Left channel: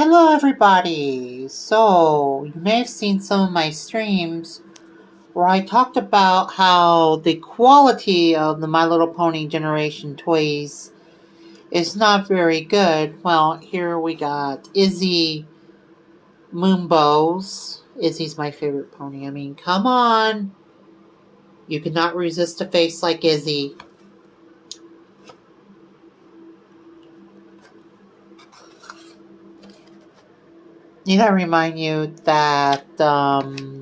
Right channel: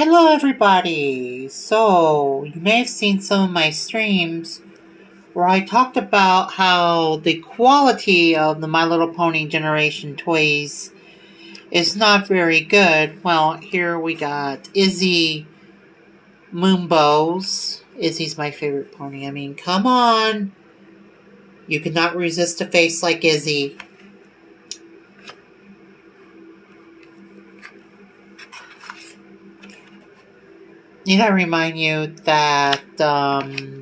Hello everybody! So, you may have seen some of my streams where I talked about how the quality of the My Little Pony generation toys is not very good. Well, here we got Izzy moonbows. Izzy's my favorite pony. I mean, come on! You cannot resist a face like Izzy. Need I remind you that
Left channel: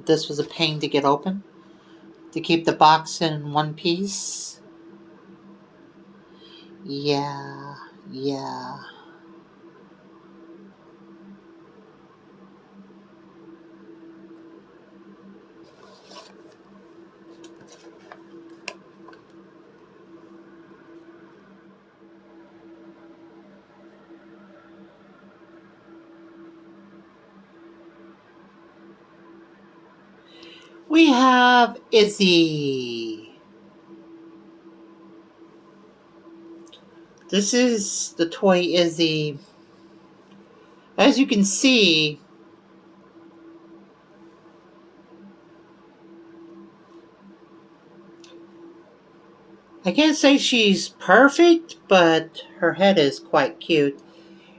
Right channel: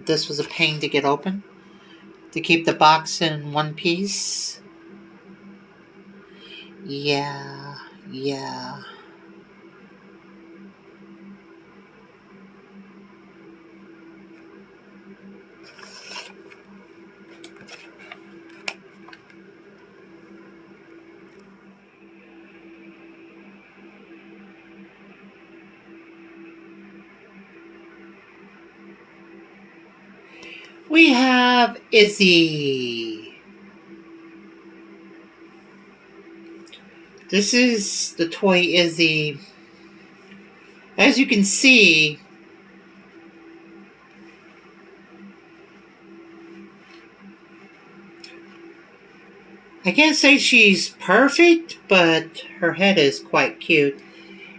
this was a pain to get open? To keep the box in one piece? Yeah. We have Izzy. This is the toy Izzy. As you can see, I can't say she's perfect, but her head is quite cute.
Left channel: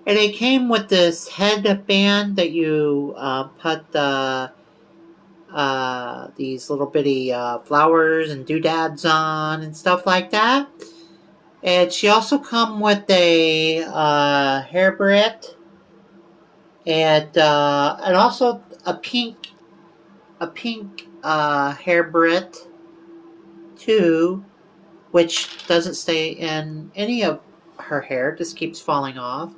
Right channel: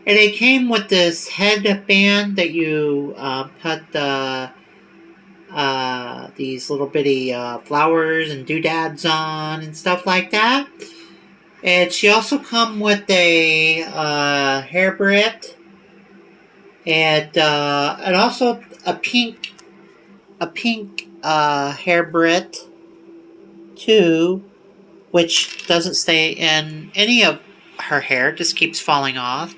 And it came with this headband that you put these little bitty flowers and doodads on and stuff like that. And she also come with a hair barrette and also a pink hair barrette too, which doesn't stay in any of her hair, just keeps falling off.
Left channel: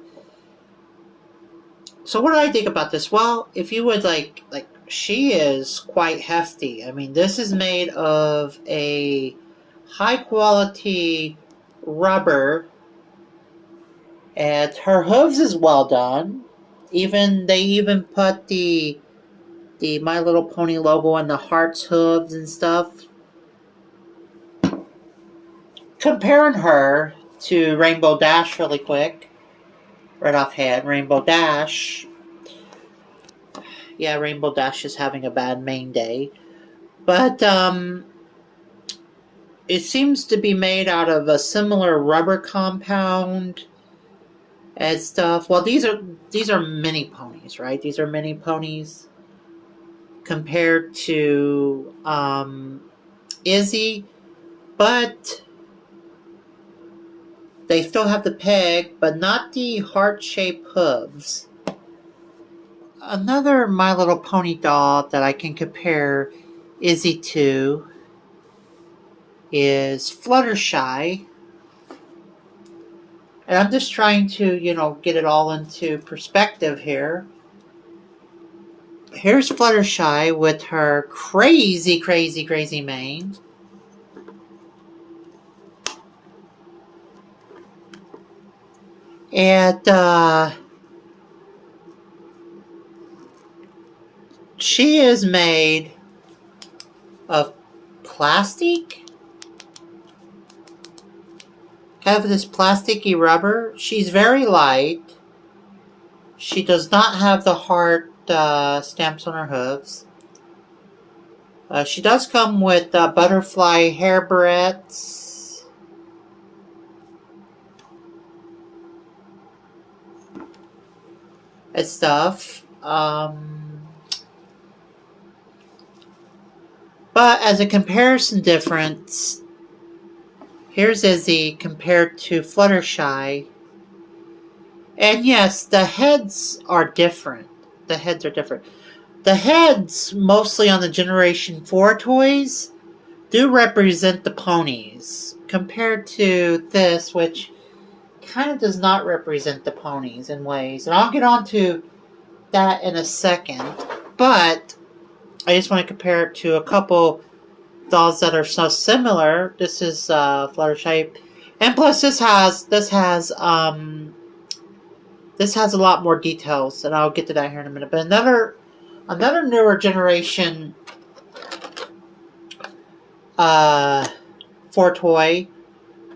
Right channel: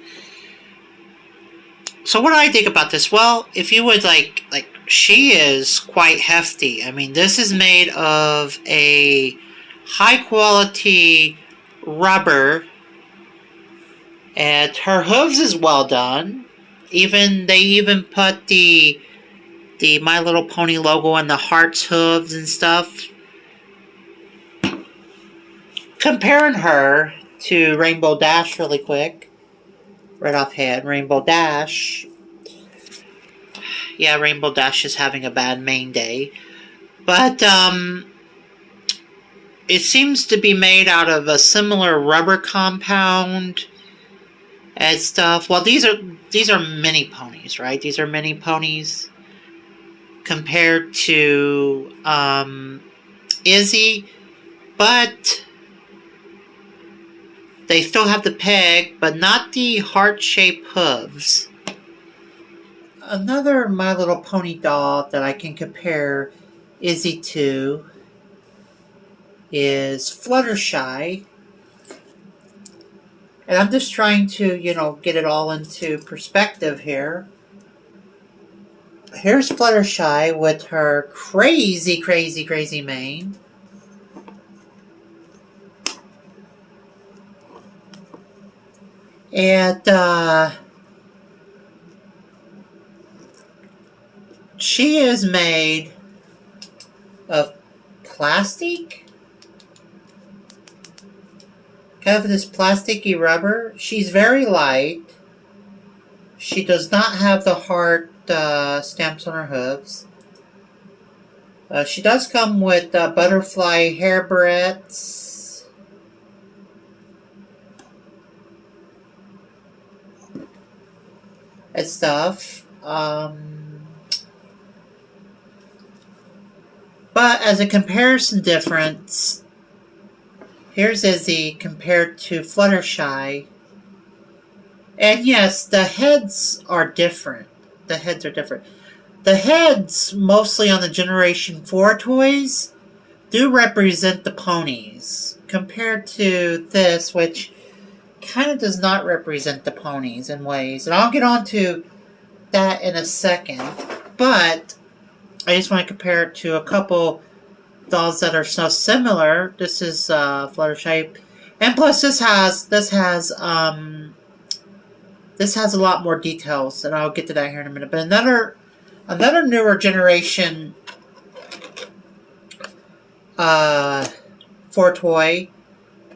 So what do I think about this? Well, if you would like she is quite hefty. I mean, this is made of a high quality rubber, and her hooves is well done. They even put the My Little Pony logo on the heart's hooves and stuff. Comparing her to Rainbow Dash really quick, right offhand, Rainbow Dash. Yeah, Rainbow Dash is having a bad main day. But it seems to be made out of a similar rubber compound and stuff. Well, these are mini ponies, right? These are mini ponies compared to Izzy, but they still have the peg, but not the heart-shaped hooves. Another My Little Pony doll that I can compare Izzy to is Fluttershy. And I'm just trying to, get it all into perspective here. Here's Fluttershy with her crazy mane. And she is made of plastic. Kind of this plasticky rubber. She's very light. She does not have the heart stamps on her hooves. She does come with butterfly hair barrettes. And stuff. But as a comparison difference, here's Izzy compared to Fluttershy. And yes, the heads are different. The heads, mostly on the Generation 4 toys, do represent the ponies, compared to this, which kind of does not represent the ponies in ways. And I'll get on to that in a second. But I just want to compare it to a couple dolls that are so similar. This is Fluttershy, and plus this has a lot more details, and I'll get to that here in a minute. But another newer generation 4 toy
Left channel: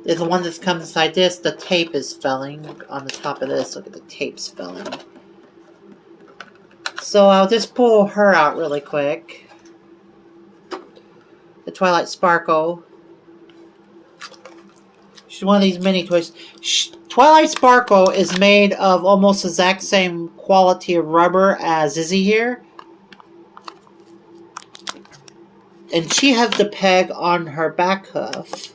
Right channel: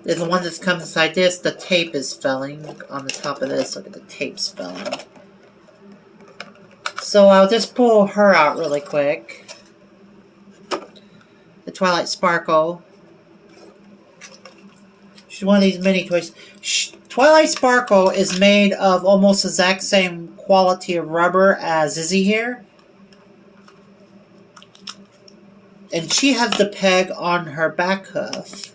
is the one that comes inside this. The tape is felling on the top of this. Look at the tape's felling. So I'll just pull her out really quick. The Twilight Sparkle. She's one of these mini toys. Twilight Sparkle is made of almost the exact same quality of rubber as Izzy here. And she has the peg on her back hoof.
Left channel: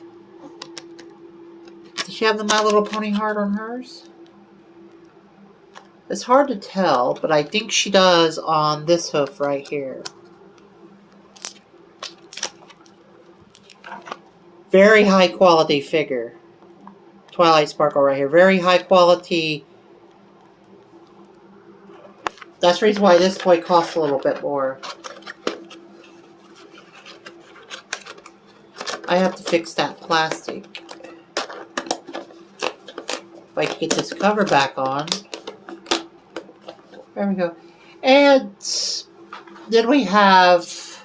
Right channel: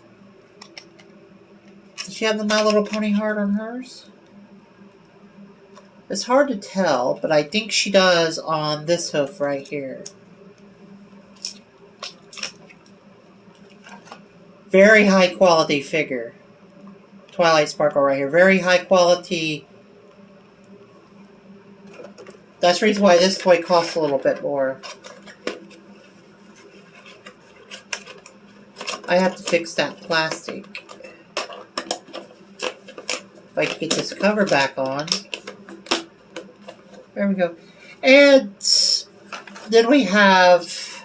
Does she have the My Little Pony heart on hers? It's hard to tell, but I think she does on this hoof right here. Very high quality figure. Twilight Sparkle right here. Very high quality. That's the reason why this toy costs a little bit more. I have to fix that plastic. If I can get this cover back on. There we go. And then we have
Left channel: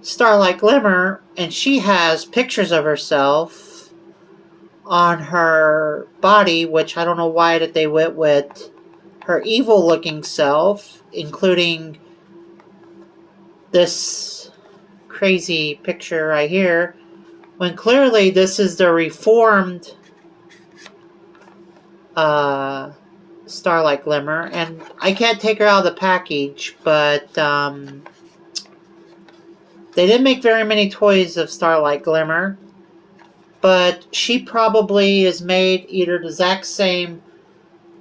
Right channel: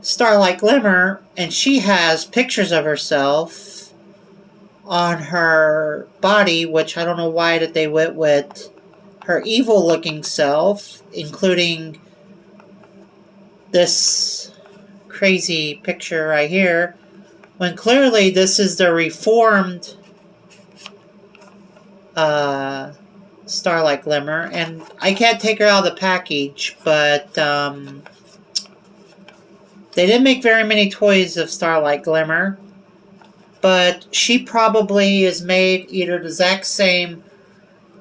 Starlight Glimmer, and she has pictures of herself on her body, which I don't know why that they went with her evil looking self, including this crazy picture right here, when clearly this is the reformed Starlight Glimmer. And I can't take her out of the package, but they didn't make very many toys of Starlight Glimmer, but she probably is made either the exact same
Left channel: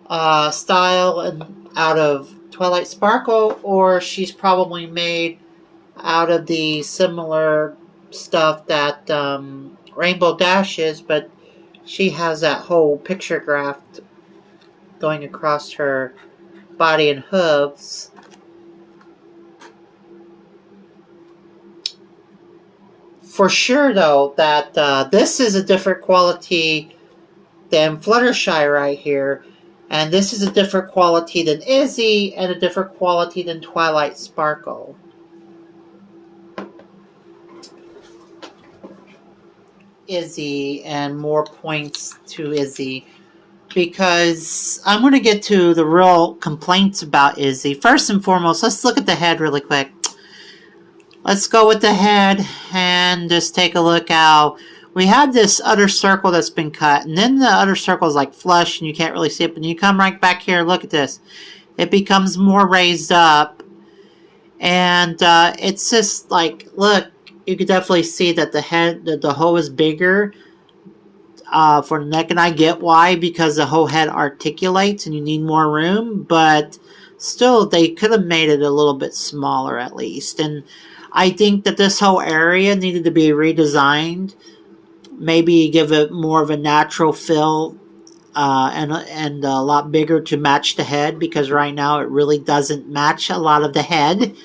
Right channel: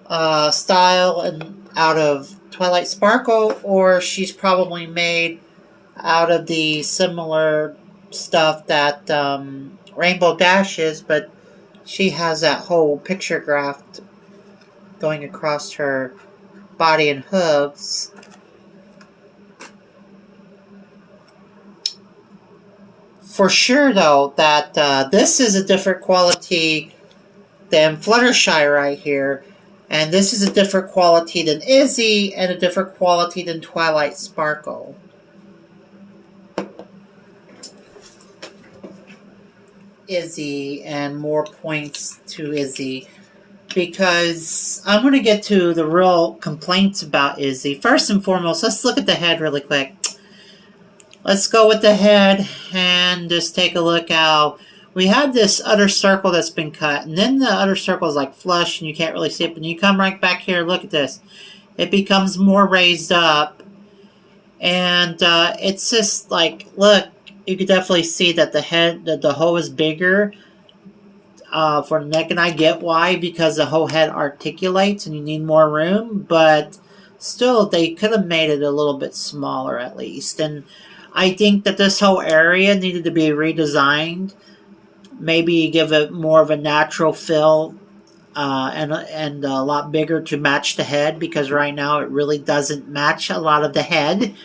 style and out of Twilight Sparkle, or she's probably made out of the similar stuff that Rainbow Dash is, but she has that whole picture graft going across her body and hooves. For sure, though, that this is a different quality than Fluttershy right here, and this is a different quality than Izzy, and a different quality than Twilight Sparkle. Izzy, and more points to Izzy, because I'm going to get to the real complaints about Izzy. First and foremost, let's look at the head really quick. Let's go with the head and just take a look how we have this other circle that's been cut, and then the other circle is like flush and you can't really see it, but you come right back here, look at this. It becomes more raised up, and it's just like, look, you can definitely see that the head, that the hoe is bigger for the neck, and I get why, because the whole head articulates and you need more room, but still they could have made it a little bit smaller at least. And I think that this whole area needed to be redesigned, maybe give it more of a natural feel and a lot bigger to match the head, because right now it really doesn't match a lot of the head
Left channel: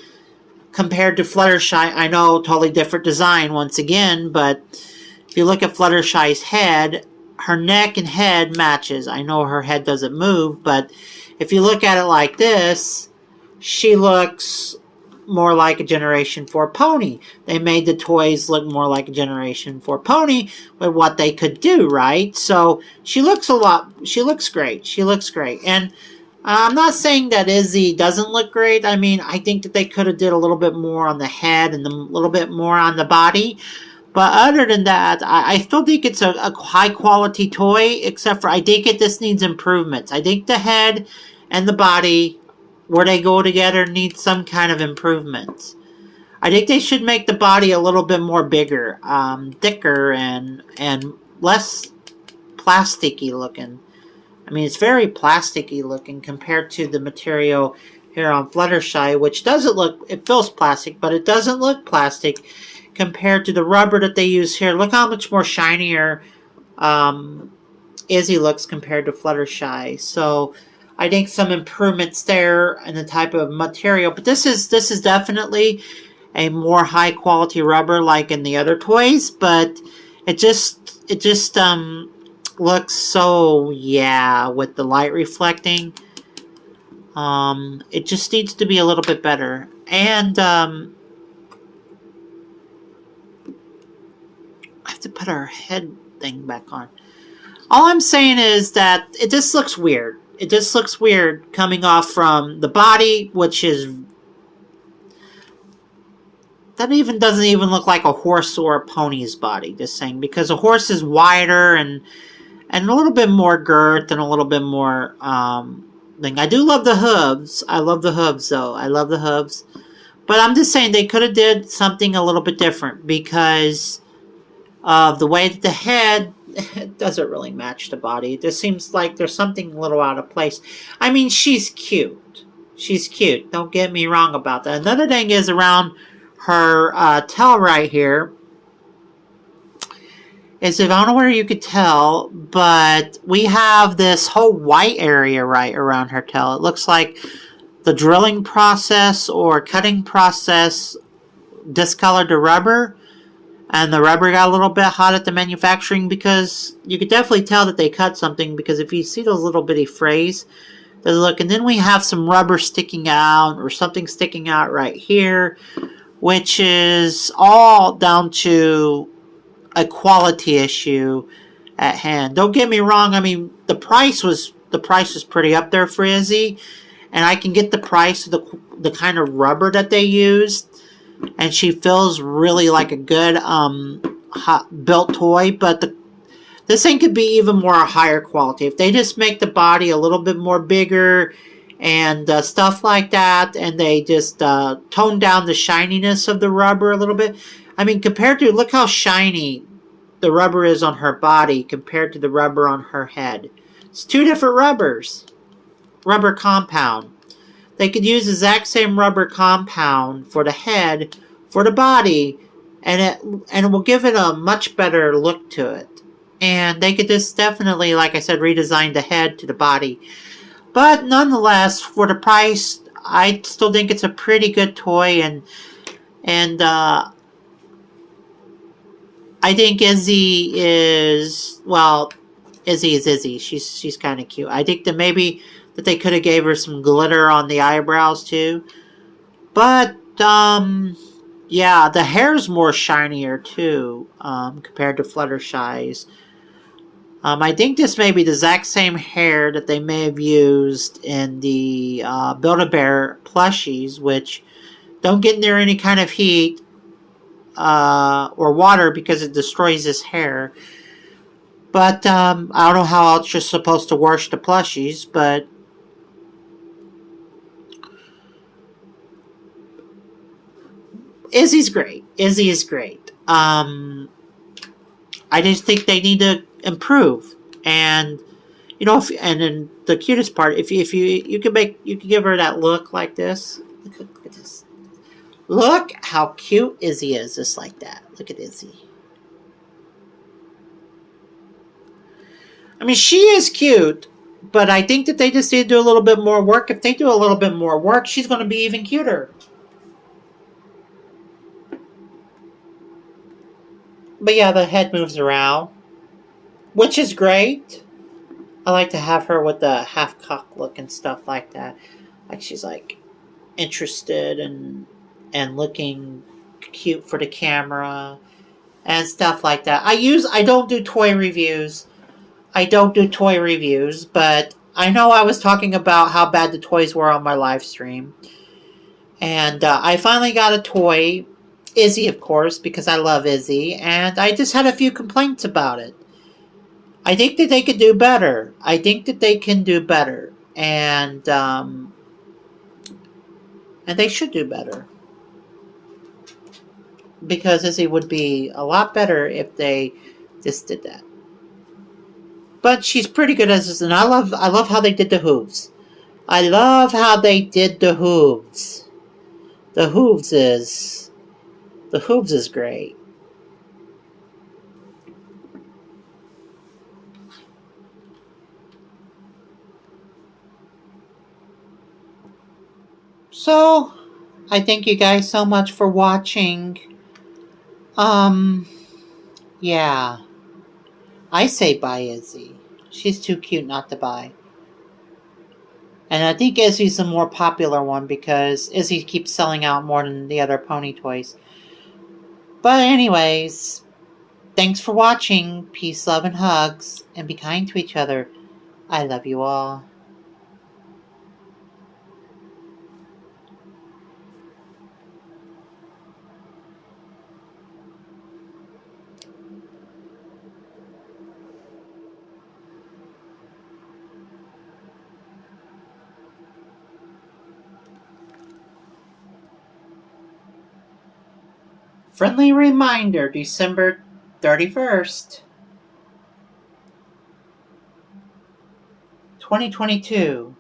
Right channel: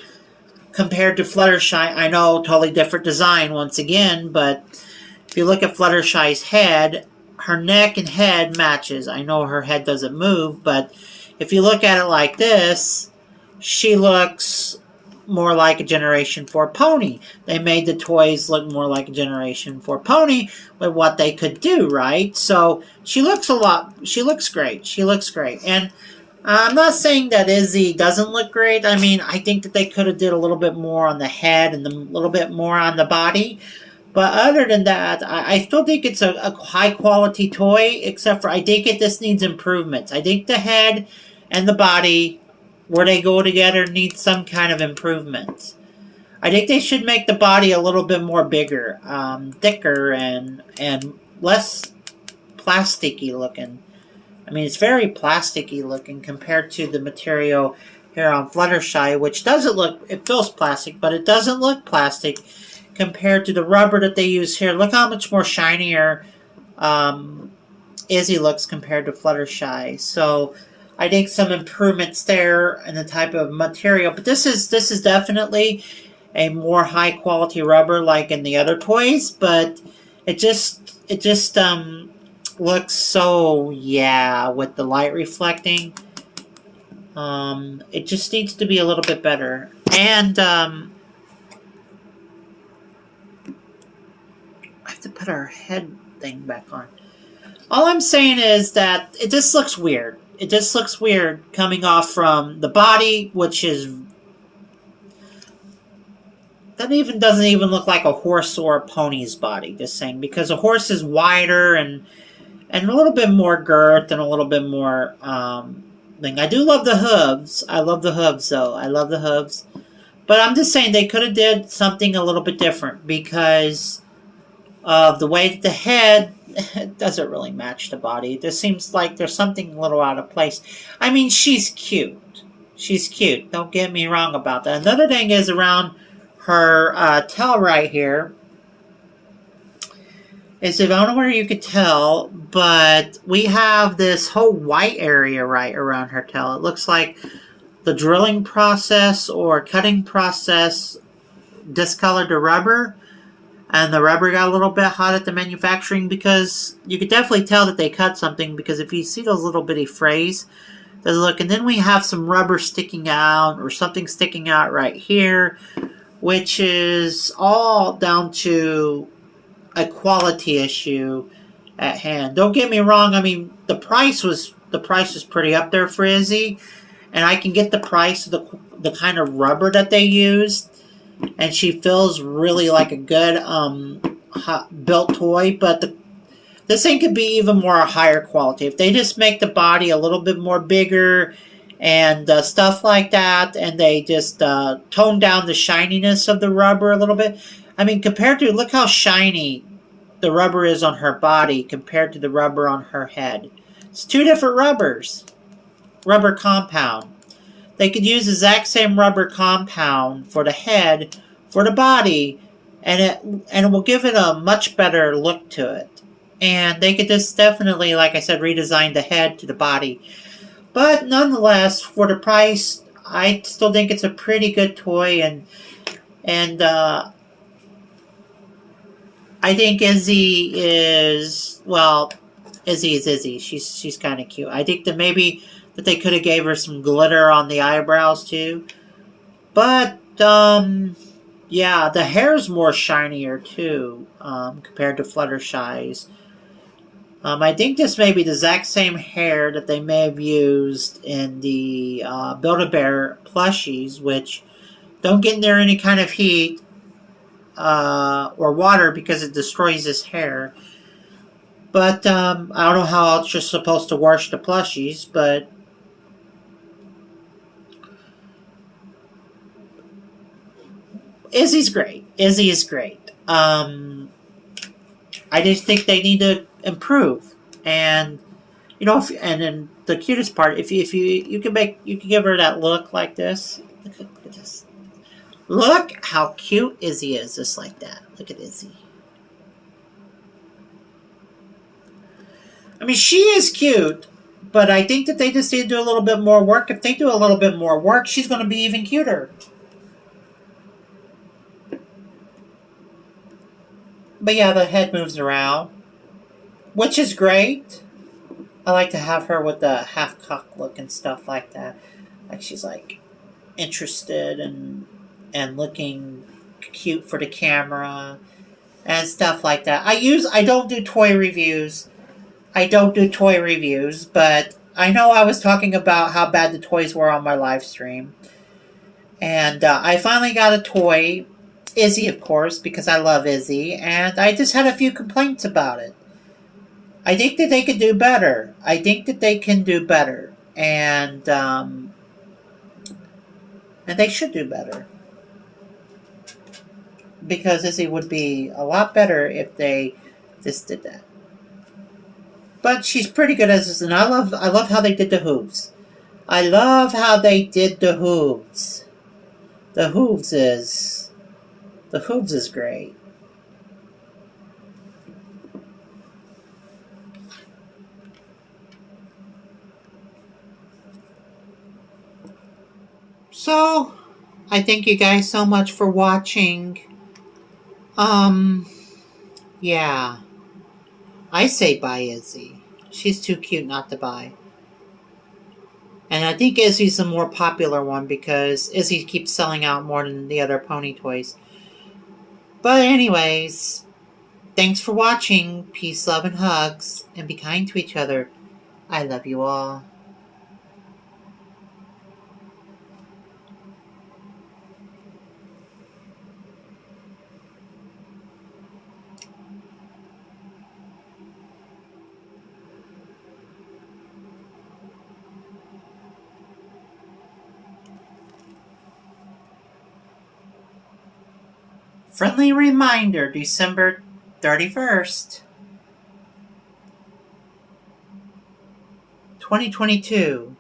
compared to Fluttershy. I know, totally different design once again, but if you look at Fluttershy's head, her neck and head matches. I know her head doesn't move, but if you look at it like this, she looks more like a Generation 4 pony. They made the toys look more like a Generation 4 pony with what they could do, right? So she looks she looks great. She looks great. And I'm not saying that Izzy doesn't look great. I mean, I think that they could have did a little bit more on the head and a little bit more on the body. But other than that, I still think it's a high-quality toy, except for I think this needs improvements. I think the head and the body, where they go together, need some kind of improvement. I think they should make the body a little bit more bigger, thicker, and less plasticky looking. I mean, it's very plasticky looking compared to the material here on Fluttershy, which doesn't look, it feels plastic, but it doesn't look plastic compared to the rubber that they use here. Look how much more shinier Izzy looks compared to Fluttershy. So I think some improvements there in the type of material, but this is definitely a more high quality rubber like in the other toys, but it just looks so, yeah, with the light reflecting. It just needs to be a little bit better. And I have to put our head thing back on. All I'm saying is that it just looks weird. It just looks weird coming off from the body, which is... that even doesn't even look like a horse or a pony's body, just saying. Because a horse is wider and a little bit more girth and a little bit more thing. I do love the hooves. I love the hooves, though. I love the hooves. But I'm just saying they could have did something a little bit different because of the way that the head doesn't really match the body. It just seems like there's something a little out of place. I mean, she's cute. She's cute. Don't get me wrong about that. Another thing is around her tail right here. Is I don't know where you could tell, but we have this whole white area right around her tail. It looks like the drilling process or cutting process discolored the rubber, and the rubber got a little bit hot at the manufacturing because you could definitely tell that they cut something because if you see those little bitty frays, look, and then we have some rubber sticking out or something sticking out right here, which is all down to a quality issue at hand. Don't get me wrong. I mean, the price was pretty up there for Izzy, and I can get the price of the kind of rubber that they used, and she feels really like a good built toy. But this thing could be even more higher quality if they just make the body a little bit more bigger and stuff like that, and they just tone down the shininess of the rubber a little bit. I mean, compared to, look how shiny the rubber is on her body compared to the rubber on her head. It's two different rubbers. Rubber compound. They could use the exact same rubber compound for the head, for the body, and it will give it a much better look to it. And they could just definitely, like I said, redesign the head to the body. But nonetheless, for the price, I still think it's a pretty good toy, and I think Izzy is, well, Izzy is Izzy. She's kind of cute. I think that maybe that they could have gave her some glitter on the eyebrows too. But yeah, the hair's more shinier too compared to Fluttershy's. I think this may be the exact same hair that they may have used in the Build-A-Bear plushies, which don't get near any kind of heat or water because it destroys his hair. But I don't know how else you're supposed to wash the plushies, but Izzy's great. Izzy is great. I just think they need to improve, and you know, and then the cutest part, if you can give her that look like this. Look at this. Look how cute Izzy is, just like that. Look at Izzy. I mean, she is cute, but I think that they just need to do a little bit more work. If they do a little bit more work, she's going to be even cuter. But yeah, the head moves around, which is great. I like to have her with the half-cock look and stuff like that. Like she's like interested and looking cute for the camera and stuff like that. I don't do toy reviews. But I know I was talking about how bad the toys were on my live stream. And I finally got a toy, Izzy, of course, because I love Izzy, and I just had a few complaints about it. I think that they could do better. And they should do better. Because Izzy would be a lot better if they just did that. But she's pretty good as this, and I love how they did the hooves. The hooves is great. So, I thank you guys so much for watching. Yeah. I say buy Izzy. She's too cute not to buy. And I think Izzy's the more popular one because Izzy keeps selling out more than the other pony toys. But anyways, Thanks for watching. Peace, love, and hugs. And be kind to each other. I love you all. Friendly reminder, December 31st, 2022.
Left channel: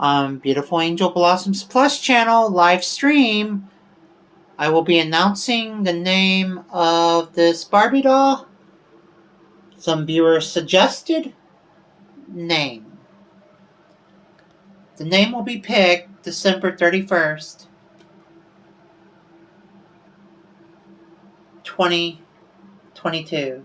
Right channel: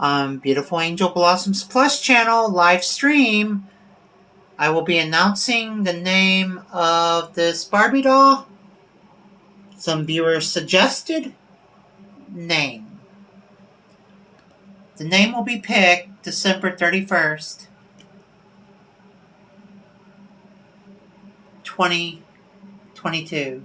On Beautiful Angel Blossoms Plus channel live stream, I will be announcing the name of this Barbie doll. Some viewers suggested name. The name will be picked December 31st, 2022.